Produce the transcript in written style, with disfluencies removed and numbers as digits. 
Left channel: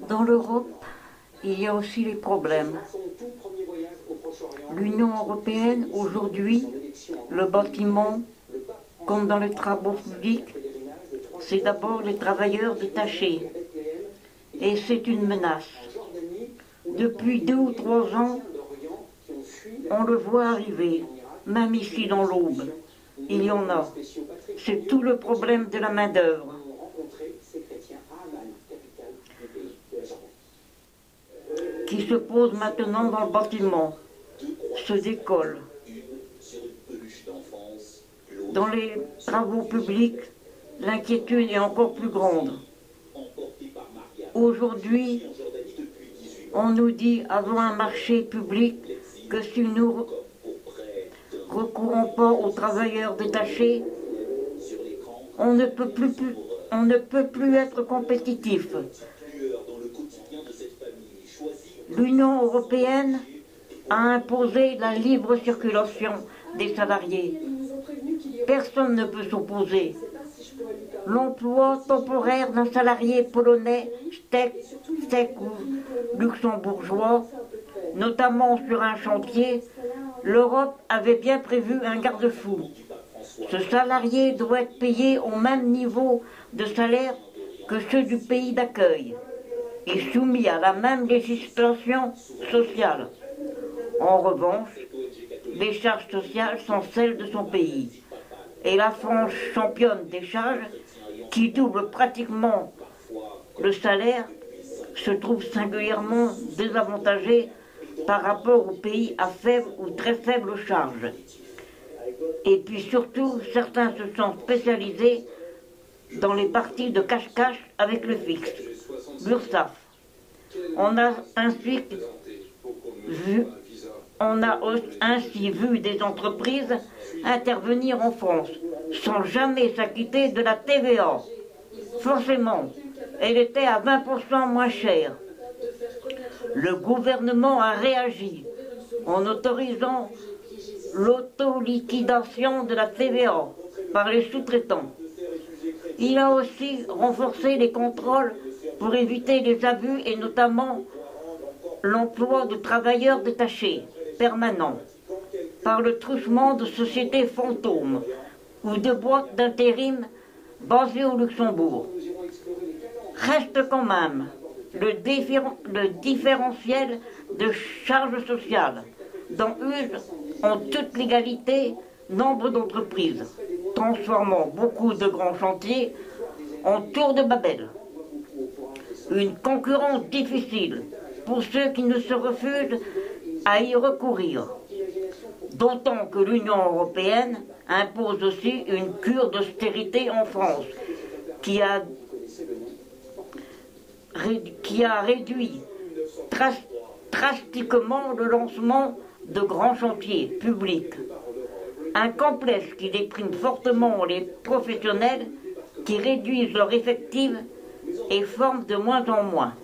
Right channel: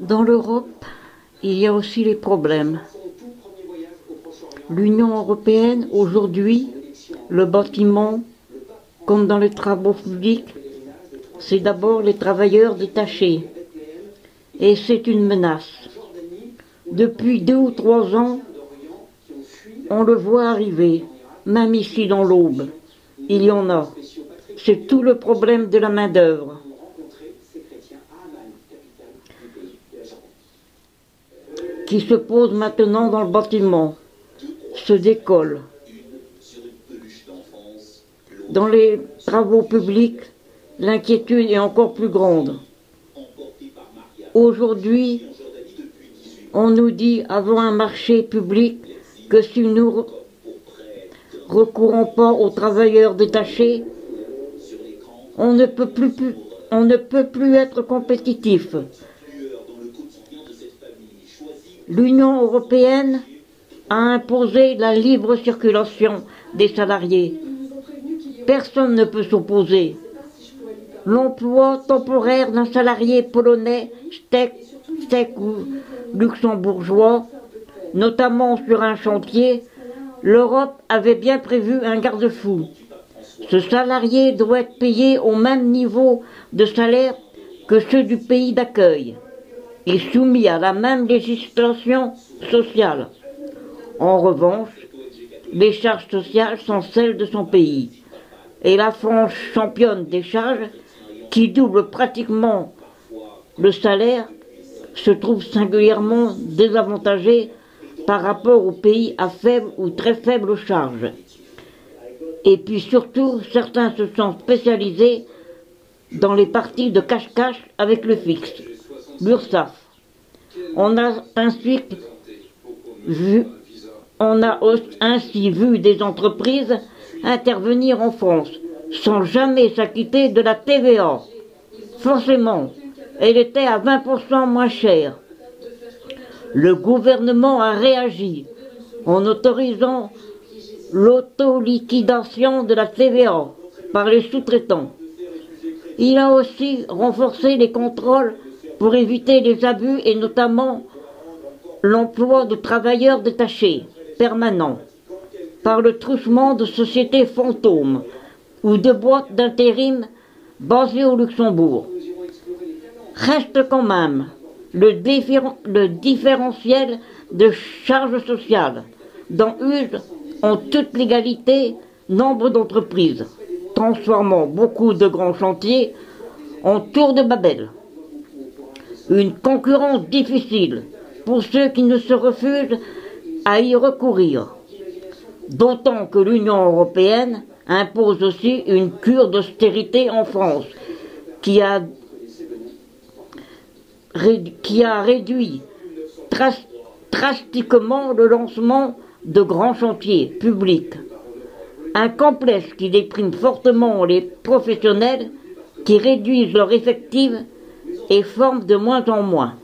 Dans l'Europe, il y a aussi les problèmes. L'Union européenne, aujourd'hui, le bâtiment, comme dans les travaux publics, c'est d'abord les travailleurs détachés. Et c'est une menace. Depuis 2 ou 3 ans, on le voit arriver, même ici dans l'Aube. Il y en a. C'est tout le problème de la main-d'œuvre. Qui se pose maintenant dans le bâtiment, se décolle. Dans les travaux publics, l'inquiétude est encore plus grande. Aujourd'hui, on nous dit avant un marché public que si nous recourons pas aux travailleurs détachés, on ne peut plus être compétitif. L'Union européenne a imposé la libre circulation des salariés. Personne ne peut s'opposer. L'emploi temporaire d'un salarié polonais, tchèque ou luxembourgeois, notamment sur un chantier, l'Europe avait bien prévu un garde-fou. Ce salarié doit être payé au même niveau de salaire que ceux du pays d'accueil et soumis à la même législation sociale. En revanche, les charges sociales sont celles de son pays. Et la France, championne des charges, qui double pratiquement le salaire, se trouve singulièrement désavantagée par rapport aux pays à faible ou très faible charge. Et puis surtout, certains se sont spécialisés dans les parties de cache-cache avec le fixe, l'URSSAF. On a ainsi vu des entreprises intervenir en France sans jamais s'acquitter de la TVA. Forcément, elle était à 20% moins chère. Le gouvernement a réagi en autorisant l'autoliquidation de la TVA par les sous-traitants. Il a aussi renforcé les contrôles pour éviter les abus et notamment l'emploi de travailleurs détachés permanents par le truchement de sociétés fantômes ou de boîtes d'intérim basées au Luxembourg. Reste quand même le différentiel de charges sociales dont usent en toute légalité nombre d'entreprises, transformant beaucoup de grands chantiers en tour de Babel. Une concurrence difficile pour ceux qui ne se refusent à y recourir. D'autant que l'Union européenne impose aussi une cure d'austérité en France, qui a réduit drastiquement le lancement de grands chantiers publics. Un complexe qui déprime fortement les professionnels, qui réduisent leur effectif et forment de moins en moins.